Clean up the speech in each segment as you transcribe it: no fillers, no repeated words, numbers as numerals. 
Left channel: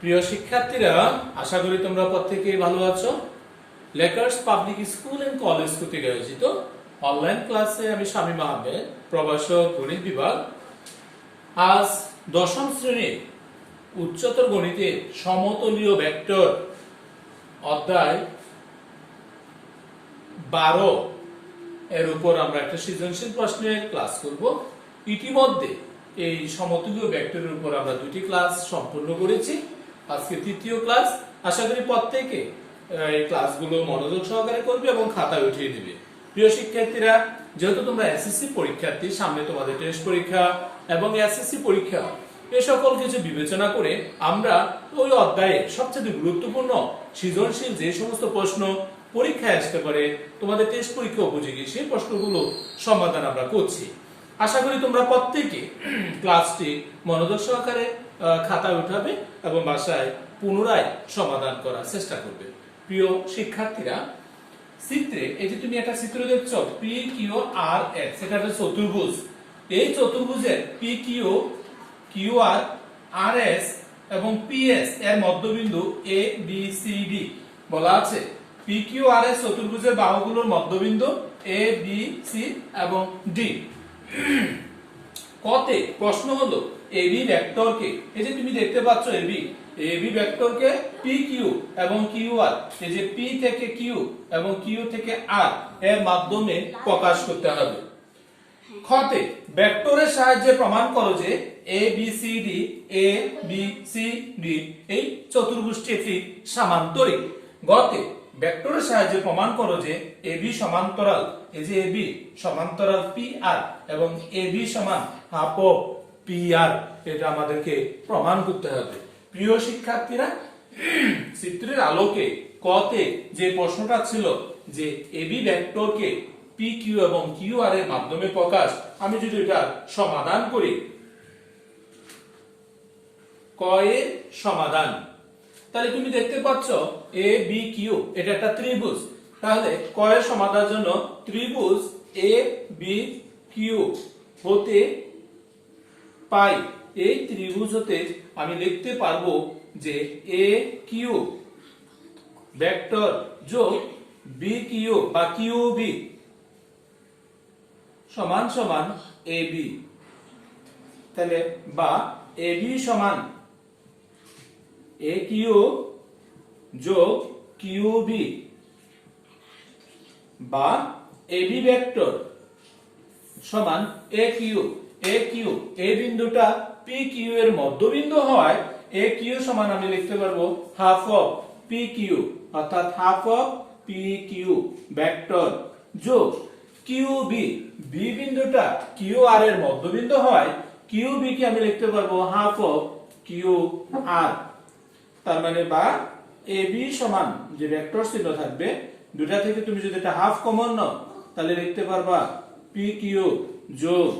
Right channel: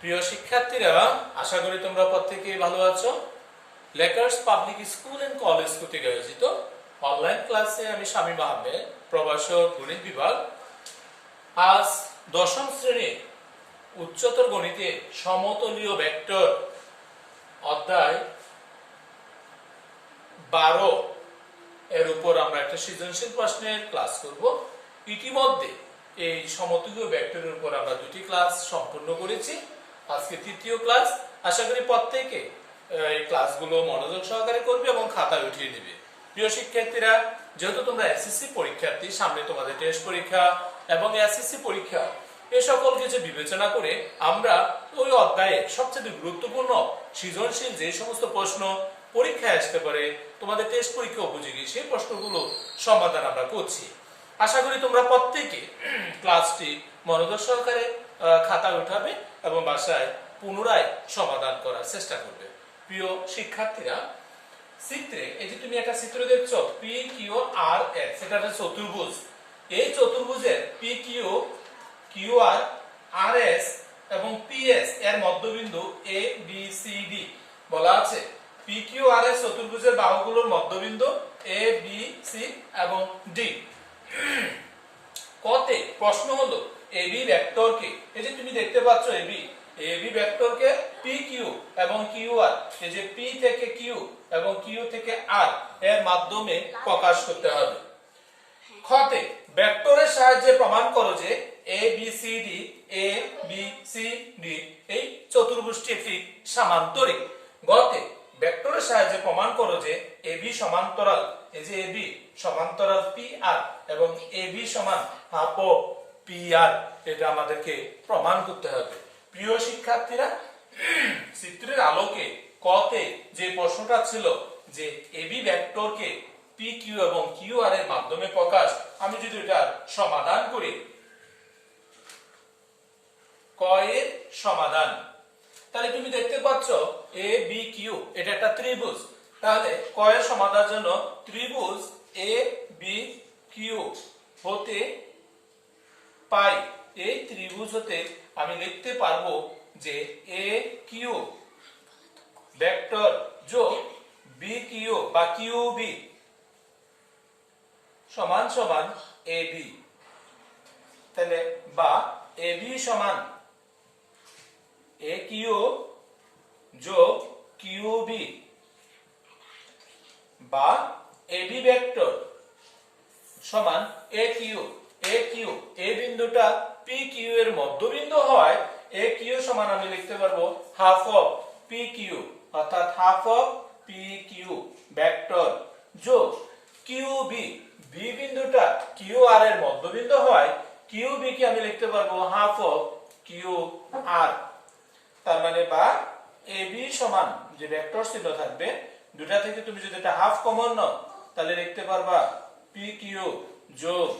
প্রিয় শিক্ষার্থীরা, আশা করি তোমরা প্রত্যেকেই ভালো আছো। Lakers public school and college কর্তৃক আয়োজিত অনলাইন ক্লাসে আমি শামীম আহমেদ, প্রভাষক গণিত বিভাগ। আজ দশম শ্রেণীর উচ্চতর গণিতে সমতলীয় ভেক্টর অধ্যায় 12 এর উপর আমরা একটা সৃজনশীল প্রশ্নের ক্লাস করব। ইতিমধ্যে এই সমতুল্য ভেক্টরের উপর আমরা দুটি ক্লাস সম্পূর্ণ করেছি। আজকে তৃতীয় ক্লাস। আশা করি প্রত্যেকে এই ক্লাসগুলো মনোযোগ সহকারে করবে এবং খাতায় উঠিয়ে দিবে। প্রিয় শিক্ষার্থীরা, যেহেতু তোমরা এসএসসি পরীক্ষার্থী, সামনে তোমাদের টেস্ট পরীক্ষা এবং এসএসসি পরীক্ষা, এ সকল কিছু বিবেচনা করে আমরা ওই অধ্যায়ে সবচেয়ে গুরুত্বপূর্ণ সৃজনশীল যে সমস্ত প্রশ্ন পরীক্ষায় আসতে পারে, তোমাদের টেস্ট পরীক্ষা উপযোগী, সেই প্রশ্নগুলো সমাধান আমরা করছি। আশা করি তোমরা প্রত্যেকে ক্লাসটি মনোযোগ সহকারে খাতায় উঠাবে এবং বাসায় পুনরায় সমাধান করার চেষ্টা করবে। প্রিয় শিক্ষার্থীরা, চিত্রে এই যে তুমি একটা চিত্র দেখছো, পি কিউ আর এস, এটা একটা চতুর্ভুজ। এই চতুর্ভুজের পি কিউ, কিউ আর, আর এস এবং পি এস এর মধ্যবিন্দু এ বি সি ডি বলা আছে। পি কিউ আর এস চতুর্ভুজের বাহুগুলোর মধ্যবিন্দু এ বি সি এবং ডি। কতে প্রশ্ন হলো এবি ভেক্টরকে, এই যে তুমি দেখতে পাচ্ছ এবি ভেক্টরকে পি কিউ এবং কিউ আর, এই যে পি থেকে কিউ এবং কিউ থেকে আর এর মাধ্যমে প্রকাশ করতে হবে। খতে ভেক্টরের সাহায্যে প্রমাণ করো যে এ বি সি ডি এই চতুর্ভুজটি একটি সামান্তরিক। গতে ভেক্টরের সাহায্যে প্রমাণ করো যে এবি সমান্তরাল, এই যে এবি সমান্তরাল পি আর এবং এবি সমান হাফ অফ পি আর, এটা আমাদেরকে প্রমাণ করতে হবে। প্রিয় শিক্ষার্থীরা, চিত্রের আলোকে কতে যে প্রশ্নটা ছিল যে এবি ভেক্টরকে পি কিউ এবং কিউ আর এর মাধ্যমে প্রকাশ, আমি যদি এটা সমাধান করি, ক এর সমাধান, তাহলে তুমি দেখতে পাচ্ছ এ বি কিউ এটা একটা ত্রিভুজ। তাহলে ক এর সমাধানের জন্য ত্রিভুজ এ বি কিউ হতে পাই, এই ত্রিভুজ হতে আমি লিখতে পারবো যে এ কিউ ভেক্টর যোগ বি কিউ বা কিউ বি সমান সমান এ বি। তাহলে বা এ বি সমান এ কিউ যোগ কিউ বি, বা এ বি ভেক্টর সমান এ কিউ এই বিন্দুটা পি কিউ এর মধ্যবিন্দু হয়। এ কিউ সমান আমি লিখতে পারবো হাফ অফ পি কিউ, অর্থাৎ half of P Q vector যোগ কিউ বি বিন্দুটা কিউ আর এর মধ্যবিন্দু হয়। কিউ বি কে আমি লিখতে পারবো হাফ অফ কিউ আর। তার মানে বা এ বি সমান যে ভেক্টর চিহ্ন থাকবে, দুটা থেকে তুমি যদি এটা হাফ কমন নাও, তাহলে লিখতে পারবা পি কিউ যোগ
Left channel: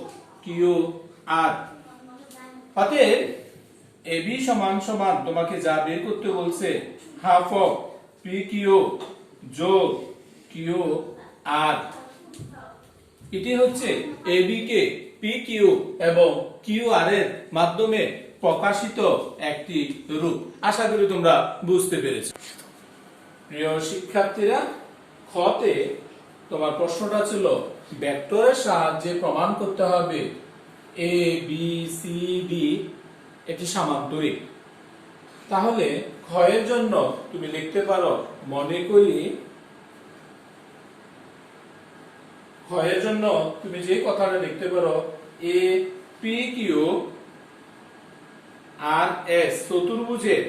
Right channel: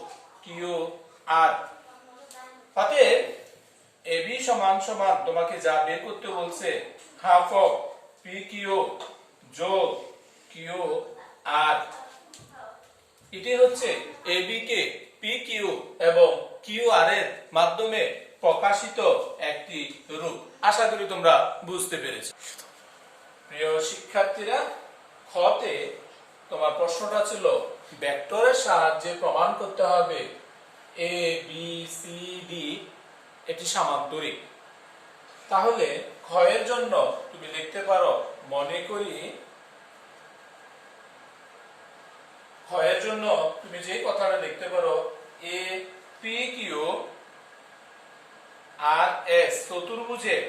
কিউ আর। অতএব এ বি সমান সমান তোমাকে যা বের করতে বলছে হাফ অফ পি কিউ যোগ কিউ আর। এটি হচ্ছে A B K P Q এবং কিউ আর এর মাধ্যমে প্রকাশিত একটি রূপ। আশা করি তোমরা বুঝতে পেরেছো। প্রিয় শিক্ষার্থীরা, খতে তোমার প্রশ্নটা ছিল ভেক্টরের সাহায্যে প্রমাণ করতে হবে এ বি সি ডি এটি সামান্তরিক। তাহলে খ এর জন্য তুমি লিখতে পারো, মনে করি খ এর জন্য তুমি যে কথাটা লিখতে পারো A P Q R S চতুর্ভুজের,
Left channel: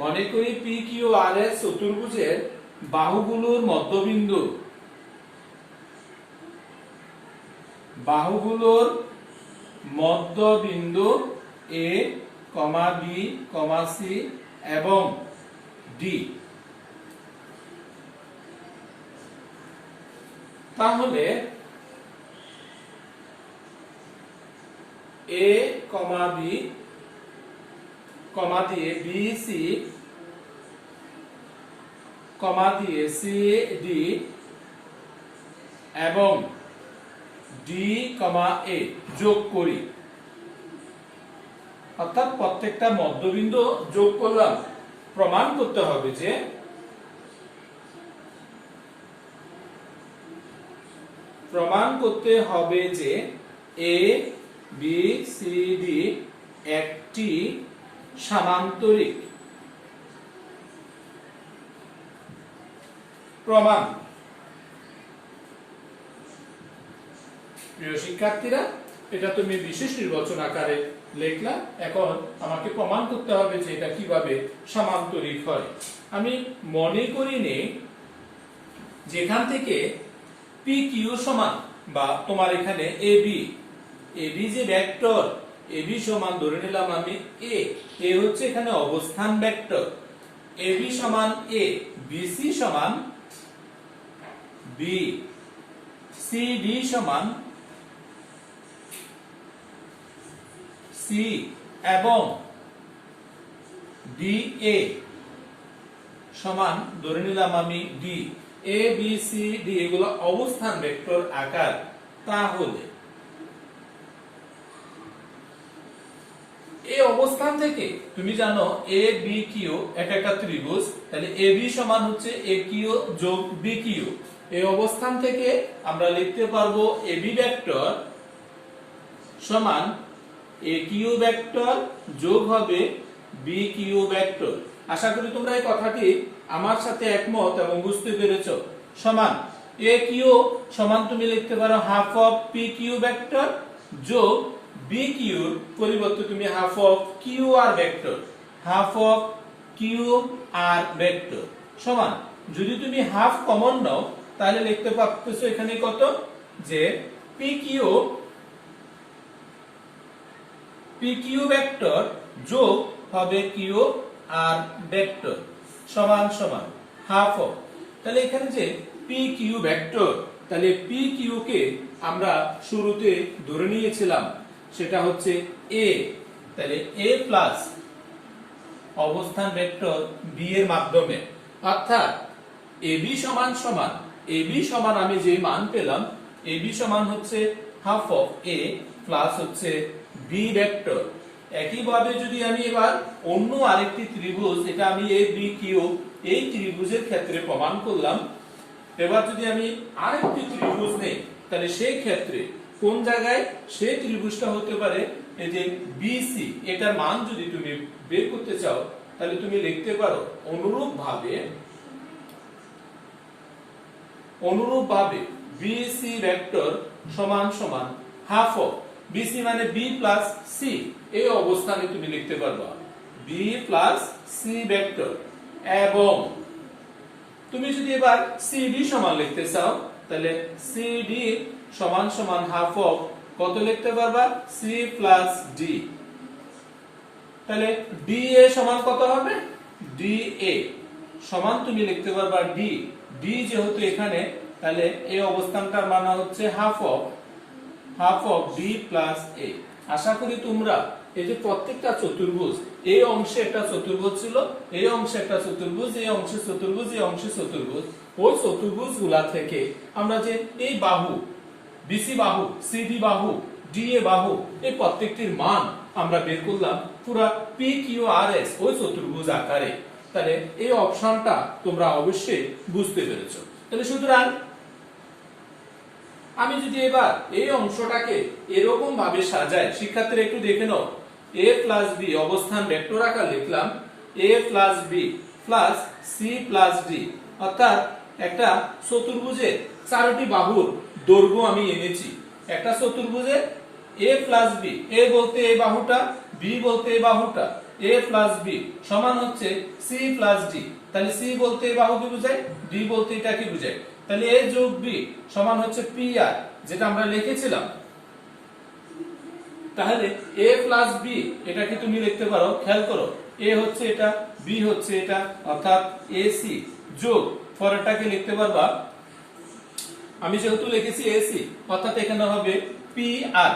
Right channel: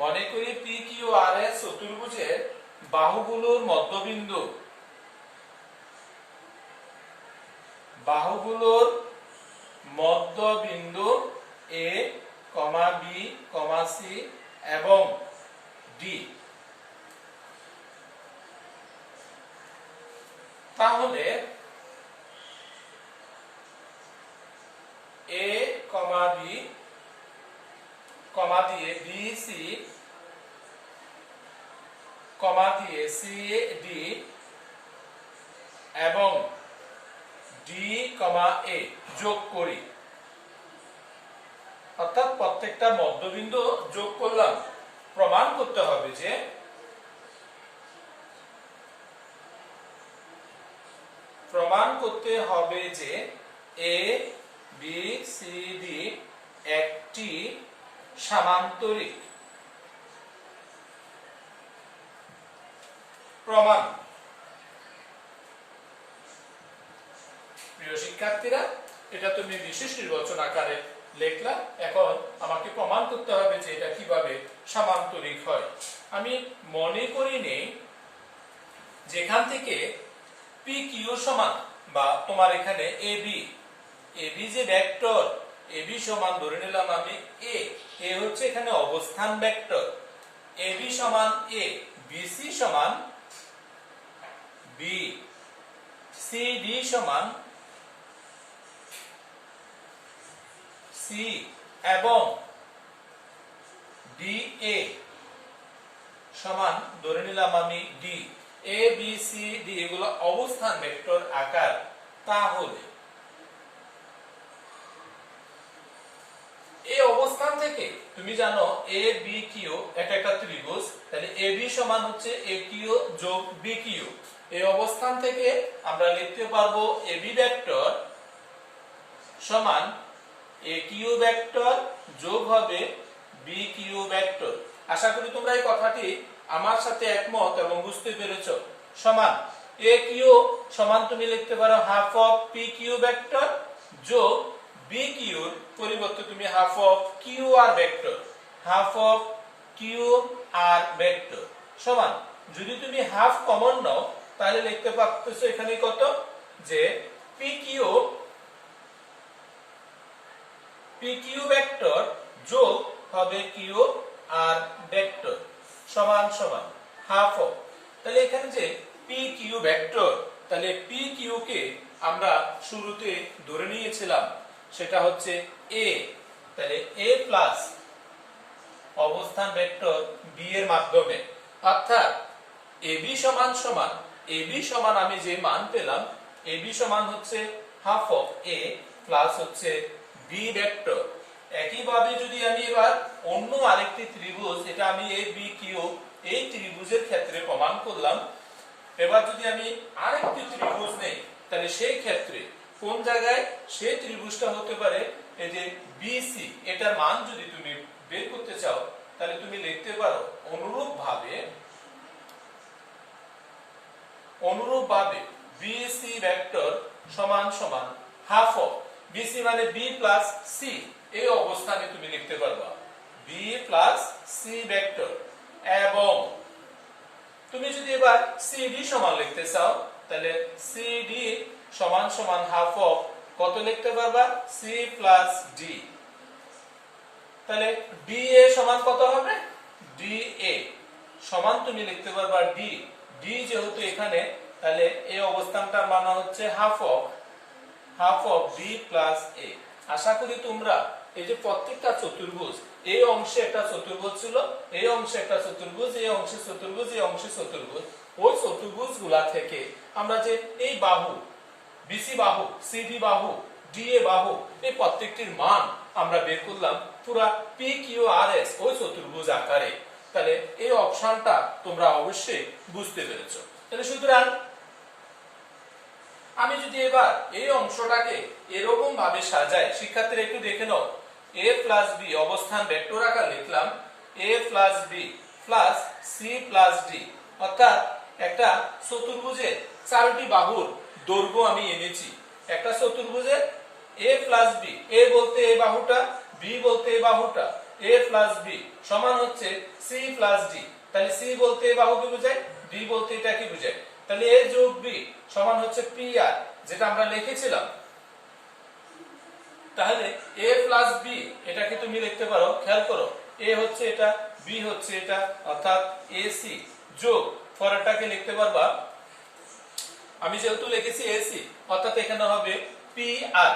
মনে করি পি কিউ আর এস চতুর্ভুজের বাহুগুলোর মধ্যবিন্দু, বাহুগুলোর মধ্যবিন্দু এ কমা বি কমা সি এবং ডি। তাহলে এ কমা বি কমা দিয়ে বি সি কমা দিয়ে সি ডি এবং ডি কমা এ যোগ করি। অর্থাৎ প্রত্যেকটা মধ্যবিন্দু যোগ করলাম। প্রমাণ করতে হবে যে এ বি সি ডি একটি সামান্তরিক। প্রমাণ। প্রিয় শিক্ষার্থীরা, এটা তুমি বিশেষ নির্বাচন আকারে লিখলা। এখন আমাকে প্রমাণ করতে হবে যে এটা কিভাবে সামান্তরিক হয়। আমি মনে করি নেই যেখান থেকে পি কিউ সমান, বা তোমার এখানে এবি যে ভেক্টর, এবি সমান ধরে নিলাম আমি এ হচ্ছে এখানে অবস্থান ভেক্টর, এবি সমান এ, বিসি সমান বি, সিডি সমান সি, এবং ডিএ সমান ধরে নিলাম আমি D. A B C D এগুলো অবস্থান ভেক্টর আকার। তাহলে এই অবস্থান থেকে তুমি জানো এ বি কিউ এটা একটা ত্রিভুজ, তাহলে এ বি সমান হচ্ছে এ কিউ যোগ বি কিউ। এই অবস্থান থেকে আমরা লিখতে পারবো এ বি ভেক্টর সমান এ কিউ ভেক্টর যোগ হবে বি কিউ ভেক্টর। আশা করি তোমরা এই কথাটি আমার সাথে একমত এবং বুঝতে পেরেছো। সমান এ কিউ সমান তুমি লিখতে পারো half of P Q vector যোগ বি কিউর পরিবর্তে তুমি half of Q R vector, half of Q R vector সমান, যদি তুমি হাফ কমন নাও তাহলে লিখতে পারতেছো এখানে কত, যে পি কিউ ভেক্টর যোগ হবে কিউ আর ভেক্টর সমান সমান হাফ অফ। তাহলে এখানে যে পি কিউ ভেক্টর, তাহলে পি কিউ কে আমরা শুরুতে ধরে নিয়েছিলাম সেটা হচ্ছে এ, তাহলে এ প্লাস অবস্থান ভেক্টর বি এর মাধ্যমে, অর্থাৎ এবি সমান সমান এবি সমান আমি যে মান পেলাম, এবি সমান হচ্ছে হাফ অফ এ প্লাস হচ্ছে বি ভেক্টর। একইভাবে যদি আমি এবার অন্য আরেকটি ত্রিভুজ, এটা আমি এ বি কিউ এই ত্রিভুজের ক্ষেত্রে প্রমাণ করলাম। এবার যদি আমি আরেকটি ত্রিভুজ নেই, তাহলে সেই ক্ষেত্রে কোন জায়গায় সেই ত্রিভুজটা হতে পারে, এই যে বিসি, এটার মান যদি তুমি বের করতে চাও তাহলে তুমি লিখতে পারো অনুরূপভাবে বিসি ভেক্টর সমান সমান হাফ অফ বিসি মানে বি প্লাস সি, এই অবস্থানে তুমি লিখতে পারবা বি প্লাস সি ভেক্টর। এবং তুমি যদি এবার সিডি সমান লিখতে চাও তাহলে সিডি সমান সমান হাফ অফ কত লিখতে পারবা, সি প্লাস ডি। তাহলে ডিএ সমান কত হবে, ডিএ সমান তুমি লিখতে পারবা ডি, ডি যেহেতু এখানে, তাহলে এই অবস্থানটার মান হচ্ছে হাফ অফ ডি প্লাস এ। আশা করি তোমরা এই যে প্রত্যেকটা চতুর্ভুজ, এই অংশে একটা চতুর্ভুজ ছিল, এই অংশে একটা চতুর্ভুজ, এই অংশে চতুর্ভুজ, এই অংশে চতুর্ভুজ, ওই চতুর্ভুজ গুলা থেকে আমরা যে এই বাহু বিসি বাহু, সিডি বাহু, ডিএ বাহু, এই প্রত্যেকটির মান আমরা বের করলাম পুরা পি কিউ আর এস ওই চতুর্ভুজ আকারে। তাহলে এই অপশনটা তোমরা অবশ্যই বুঝতে পেরেছো। তাহলে সুতরাং আমি যদি এবার এই অংশটাকে এরকম ভাবে সাজাই, শিক্ষার্থীরা একটু দেখে নাও, এ প্লাস বি অবস্থান ভেক্টর আকার লিখলাম, A plus B plus C plus D, অর্থাৎ একটা চতুর্ভুজের চারটি বাহুর দৈর্ঘ্য আমি এনেছি। একটা চতুর্ভুজে এ প্লাস বি, এ বলতে এই বাহুটা, বি বলতে এই বাহুটা, এ প্লাস বি সমান হচ্ছে সি প্লাস ডি। তাহলে সি বলতে এই বাহুকে বোঝায়, ডি বলতে এটাকে বোঝায়। তাহলে এ যোগ বি সমান হচ্ছে পি আর, যেটা আমরা লিখেছিলাম। তাহলে এ প্লাস বি এটাকে তুমি লিখতে পারো, খেয়াল করো, এ হচ্ছে এটা, বি হচ্ছে এটা, অর্থাৎ এসি যোগ পরেরটাকে লিখতে পারবা, আমি যেহেতু লিখেছি এসি, অর্থাৎ এখানে হবে পি আর,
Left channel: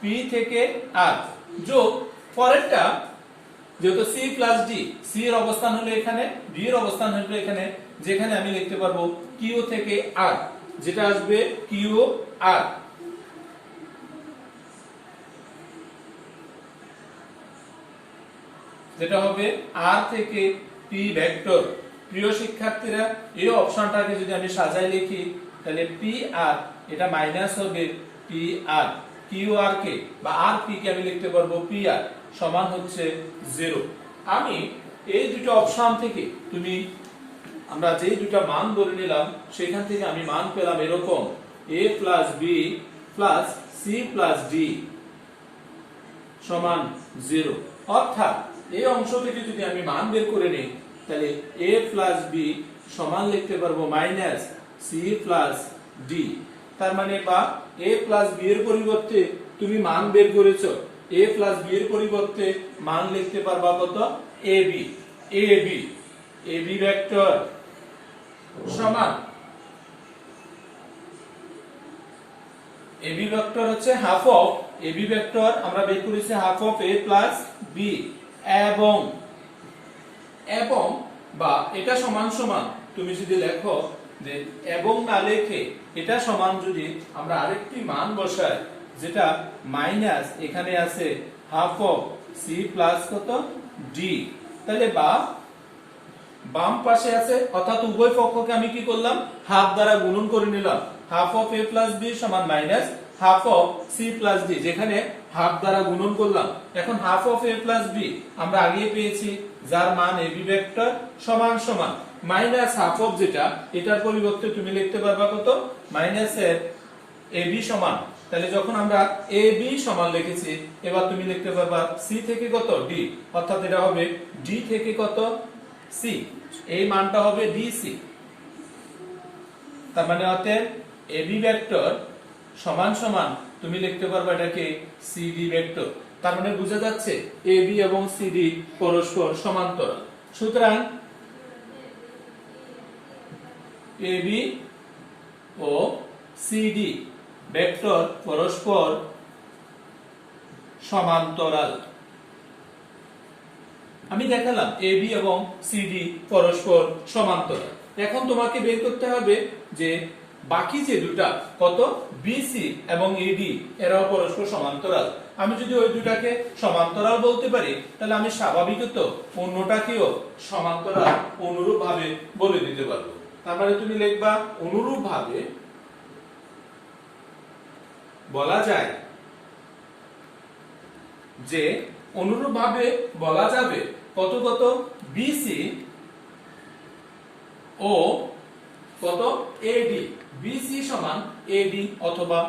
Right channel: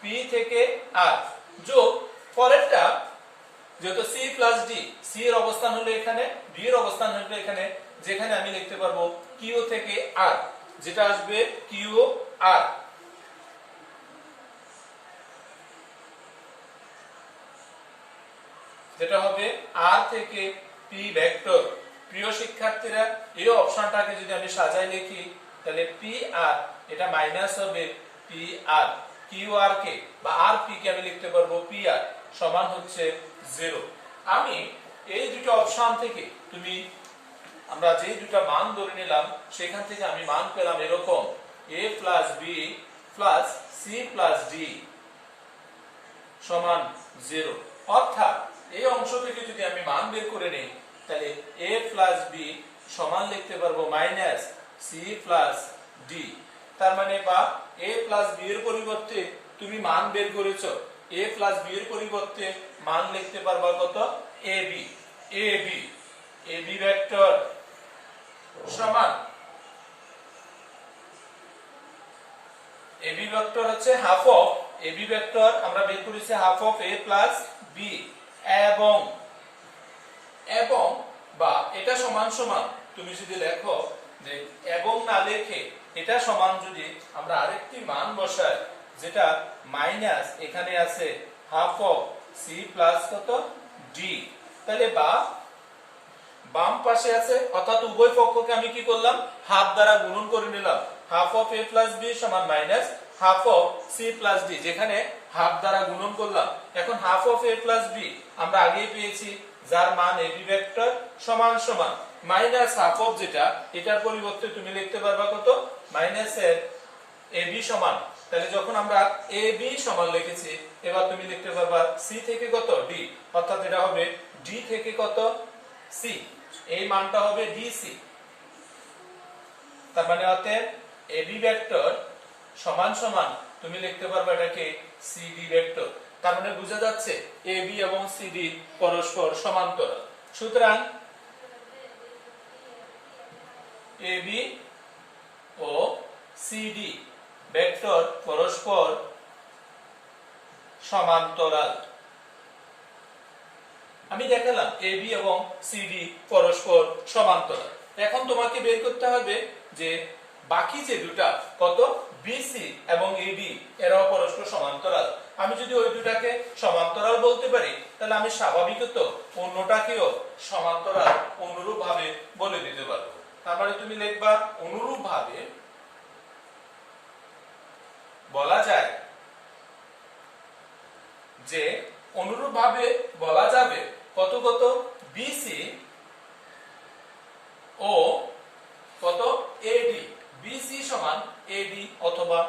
পি থেকে আর যোগ পরেরটা, যেহেতু সি প্লাস ডি, সি এর অবস্থান হলো এখানে, ডি এর অবস্থান হলো এখানে, যেখানে আমি লিখতে পারবো কিউ থেকে আর, যেটা আসবে কিউ আর। যেটা হবে আর থেকে পি ভেক্টর। প্রিয় শিক্ষার্থীরা, এই অপশনটাকে যদি আমি সাজাই লিখি তাহলে পি আর এটা মাইনাস হবে পি আর, কিউ আর কে বা আর পি কে আমি লিখতে পারবো পি আর সমান হচ্ছে 0। আমি এই দুটো অপশন থেকে আমরা যে দুটো মান ধরে নিলাম সেখান থেকে আমি মান পেলাম এরকম a plus B plus C plus D সমান 0। অর্থাৎ এই অংশ থেকে যদি আমি মান বের করে নিই তাহলে a প্লাস বি সমান লিখতে পারবো মাইনাস সি প্লাস ডি। তার মানে বা a প্লাস বি এর পরিবর্তে তুমি মান বের করেছো, a প্লাস বি এর পরিবর্তে মান লিখতে পারবা কত ab। ab ভেক্টর সমান ab ভেক্টর হচ্ছে হাফ অফ ab ভেক্টর আমরা বের করেছি half of a plus B এবং বা এটা সমান সমান তুমি যদি লেখো যে এবং না লিখে এটা সমান যদি আমরা আরেকটি মান বসাই যেটা মাইনাস এখানে আছে হাফ অফ সি প্লাস কত ডি, তাহলে বা বাম পাশে আছে অর্থাৎ উভয় পক্ষকে আমি কি করলাম হাফ দ্বারা গুণন করে নিলাম। Half of a plus B সমান minus half of C plus D, যেখানে হাফ দ্বারা গুণন করলাম। এখন half of a plus B আমরা আগেই পেয়েছি যার মান ab ভেক্টর সমান সমান মাইনাস হাফ অফ যেটা এটার পরিবর্তে তুমি লিখতে পারবা কত মাইনাস এর ab সমান। তাহলে যখন আমরা ab সমান লিখেছি এবার তুমি লিখতে পারবা c থেকে কত d, অর্থাৎ এটা হবে d থেকে কত c, এই মানটা হবে dc। তার মানে অতএব ab ভেক্টর সমান সমান তুমি লিখতে পারবা এটাকে cd ভেক্টর। তার মানে বোঝা যাচ্ছে ab এবং cd পরস্পর সমান্তরাল। সুতরাং ab ও cd ভেক্টর পরস্পর সমান্তরাল। আমি দেখালাম ab এবং cd পরস্পর সমান্তরাল। এখন তোমাকে বের করতে হবে যে বাকি যে দুটা কত bc এবং ad এরাও পরস্পর সমান্তরাল। আমি যদি ওই দুটাকে সমান্তরাল বলতে পারি তাহলে আমি স্বাভাবিকত অন্যটাকেও সমান্তরাল অনুরূপ ভাবে বলে দিতে পারবো। তার মানে তুমি লিখবা অনুরূপ ভাবে বলা যায় যে অনুরূপ ভাবে বলা যাবে কত কত bc ও কত ad, bc সমান ad অথবা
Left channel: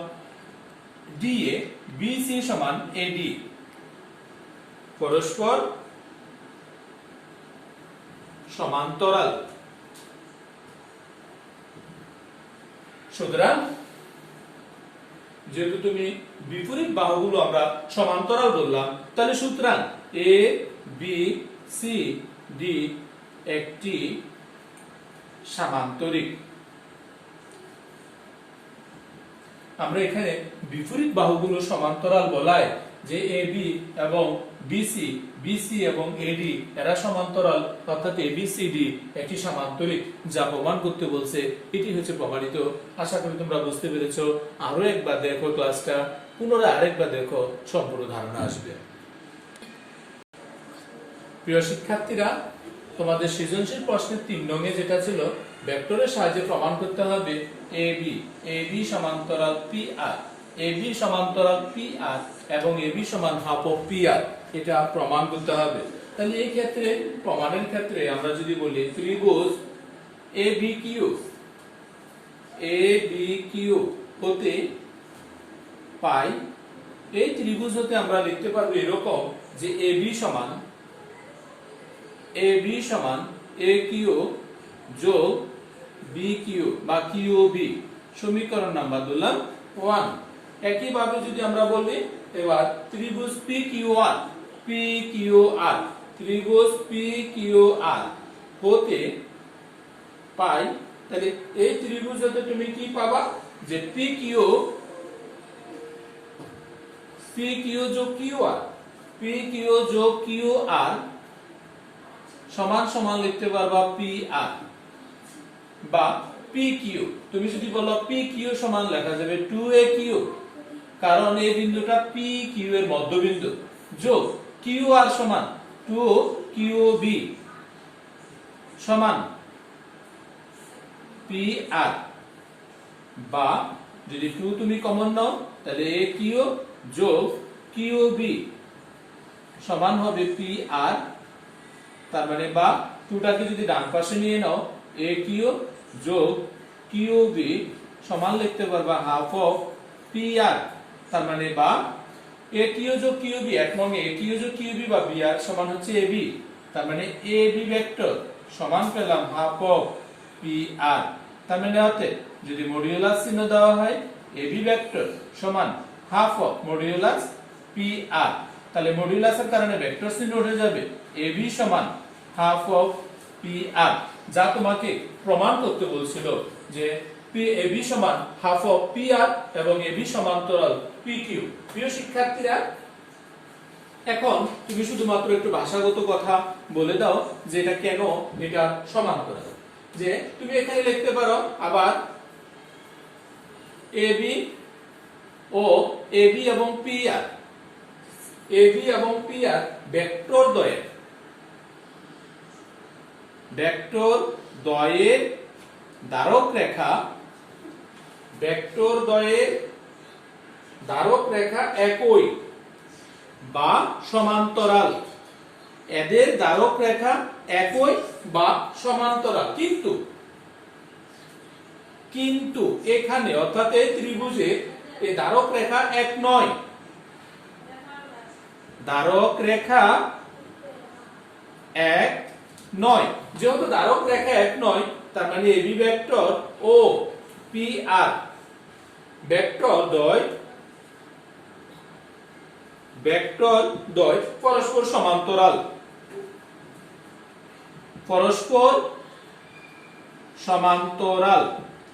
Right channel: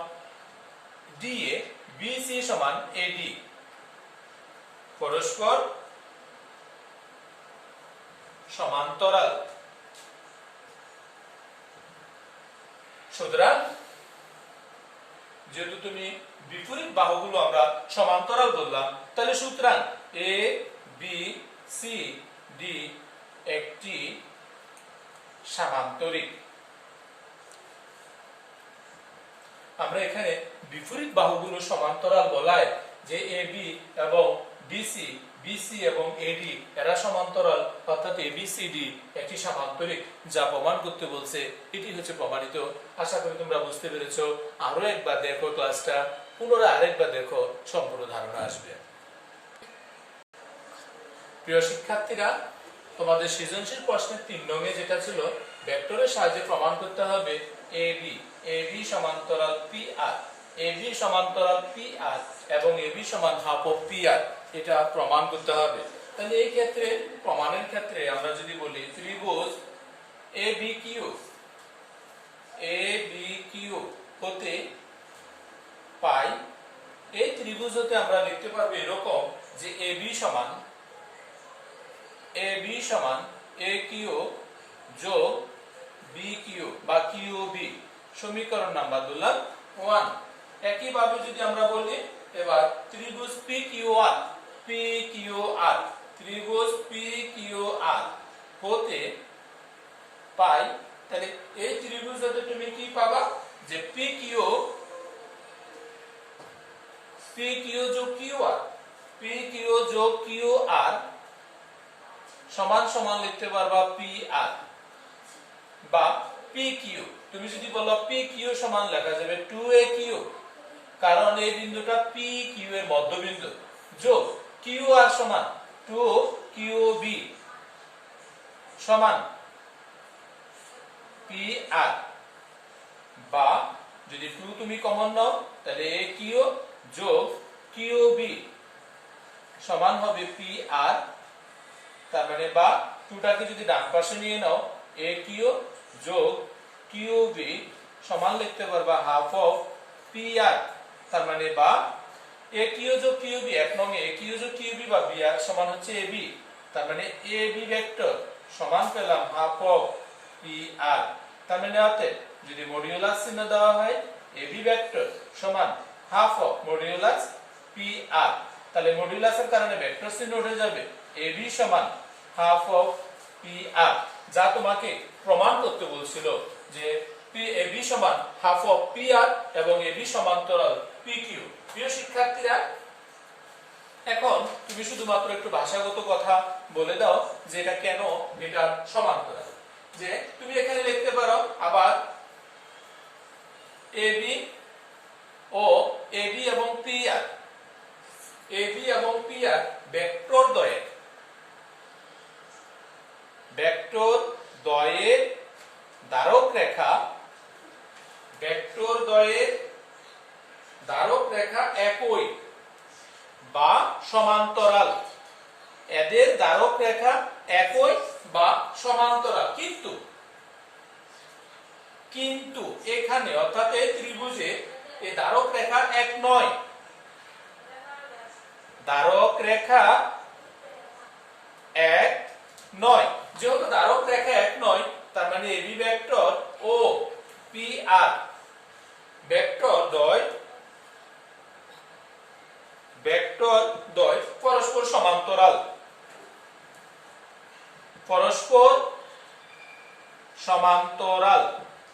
da bc সমান ad পরস্পর সমান্তরাল। সুতরাং যেহেতু তুমি বিপরীত বাহুগুলো আমরা সমান্তরাল বললাম তাহলে সুতরাং a b c d একটি সামান্তরিক। আমরা এখানে বিপরীত বাহুগুলো সমান্তরাল বলায় যে ab এবং bc এবং ad এরা সমান্তরাল, অর্থাৎ abcd একটি সামান্তরিক যা প্রমাণ করতে বলছে এটি হচ্ছে প্রমাণিত। আশা করি তোমরা বুঝতে পেরেছো। আরো একবার দেখো ক্লাসটা, পুনরায় আরেকবার দেখো, সম্পূর্ণ ধারণা আসবে। প্রিয় শিক্ষার্থীরা, তোমাদের সৃজনশীল প্রশ্নের 3 নং-এ যেটা ছিল ভেক্টরের সাহায্যে প্রমাণ করতে হবে ab সমান্তরাল pr, ab সমান্তরাল pr এবং ab সমান হাফ অফ pr, এটা প্রমাণ করতে হবে। তাহলে এই ক্ষেত্রে প্রমাণের ক্ষেত্রে আমরা যদি বলি ত্রিভুজ abq হতে পাই, এই ত্রিভুজ হতে আমরা লিখতে পারবো এরকম যে ab সমান aq যোগ bq বা qb, সমীকরণ নাম্বার দিলাম 1। একইভাবে যদি আমরা বলি এবার ত্রিভুজ pqr ত্রিভুজ pqr হতে পাই, তাহলে এই ত্রিভুজ হতে তুমি কি পাবা যে pq যোগ qr সমান সমান লিখতে পারবা pr বা pq। তুমি যদি বলো pq সমান লেখা যাবে 2aq, কারণ এই বিন্দুটা pq এর মধ্যবিন্দু, যোগ qr সমান 2QB সমান PR, বা যদি 2 তুমি কমন নাও তাহলে AQ যোগ QB সমান হবে PR, তার মানে বা 2টাকে যদি ডান পাশে নিয়ে নাও AQ যোগ QB সমান লিখতে পারবা হাফ অফ PR, তার মানে বা AQ যোগ QB এক নং AQ যোগ QB বা BR সমান হচ্ছে AB, তার মানে AB ভেক্টর সমান পেলাম হাফ অফ PR, তার মানে অতএব যদি মডিউলাস চিহ্ন দেওয়া হয় AB ভেক্টর সমান হাফ অফ মডিউলাস PR, তাহলে মডিউলাসের কারণে ভেক্টর চিহ্ন উঠে যাবে AB সমান হাফ অফ PR, যা তোমাকে প্রমাণ করতে বলছিল যে AB সমান হাফ অফ PR এবং AB সমান্তরাল PQ। প্রিয় শিক্ষার্থীরা, এখন তুমি শুধুমাত্র একটু ভাষাগত কথা বলে দাও যে এটা কেন এটা সমান্তরাল। যে তুমি এখানে লিখতে পারো আবার AB ও AB এবং PR, AB এবং PR ভেক্টর দ্বয়ের দ্বারক রেখা, ভেক্টর দ্বয়ের দ্বারক রেখা একই বা সমান্তরাল, এদের দ্বারক রেখা একই বা সমান্তরাল, কিন্তু এখানে অর্থাৎ এই ত্রিভুজে এই দ্বারক রেখা এক নয়, দ্বারক রেখা এক নয়। যেহেতু দ্বারক রেখা এক নয়, তার মানে এবি ভেক্টর ও PR ভেক্টর দ্বয় পরস্পর সমান্তরাল,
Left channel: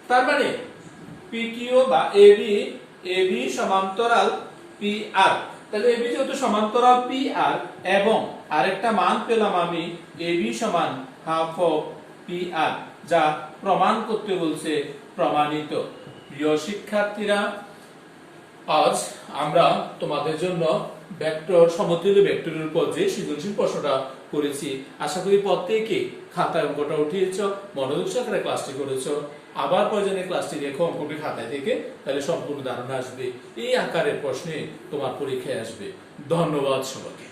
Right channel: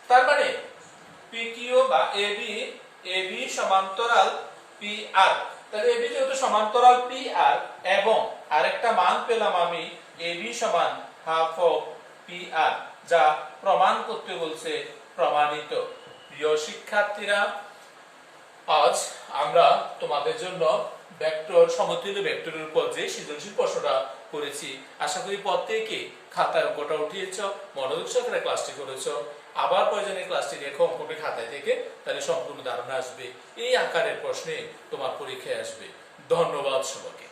তার মানে PQ বা AB সমান্তরাল PR, তাহলে AB যেহেতু সমান্তরাল PR এবং আরেকটা মান পেলাম আমি AB সমান হাফ অফ PR, যা প্রমাণ করতে বলছে প্রমাণিত। প্রিয় শিক্ষার্থীরা, আজ আমরা তোমাদের জন্য ভেক্টর সমতুল্য ভেক্টরের উপর যে সৃজনশীল প্রশ্নটা করেছি, আশা করি প্রত্যেকে খাতায় অঙ্কটা উঠিয়েছ, মনোযোগ সহকারে ক্লাসটি করেছ। আবার প্রয়োজনে ক্লাসটি দেখো অঙ্কটি খাতায় থেকে, তাহলে সম্পূর্ণ ধারণা আসবে, এই আকারের প্রশ্নে তোমার পরীক্ষায় আসবে। ধন্যবাদ সবাইকে।